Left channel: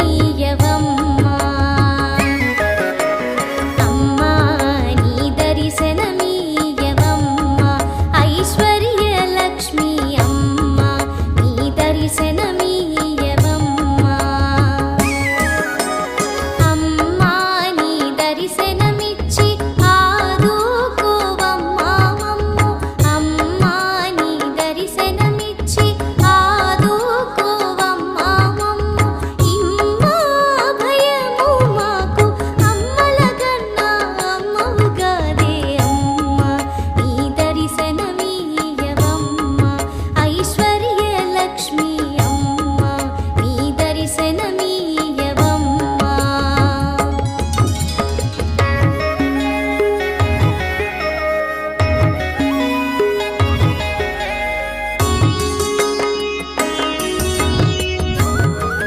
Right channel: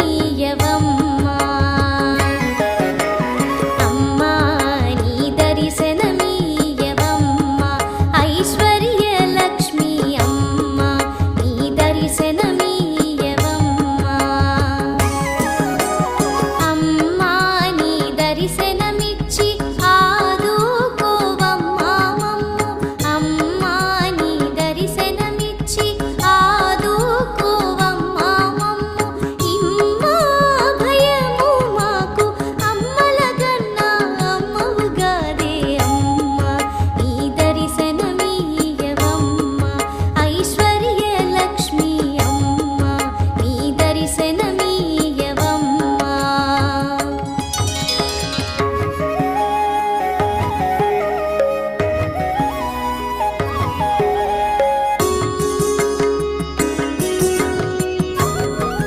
దర్శనమీయవమ్మా అమ్మా నీ దర్శనమీయవమ్మా ఐశ్వర్యలక్ష్మి అమ్మా నీ దర్శనమీయవమ్మా అమ్మా నీ దర్శనమిచ్చి ఆదుకోవమ్మా మమ్ము అమ్మా నీ దర్శనమిచ్చి ఆదుకోవమ్మా మమ్ము ఇమ్మా భయము మాకు అమ్మలగన్నా అమ్మవుగాదే అమ్మా నీ దర్శనమీయవమ్మా ఐశ్వర్యలక్ష్మి అమ్మా నీ దర్శనమీ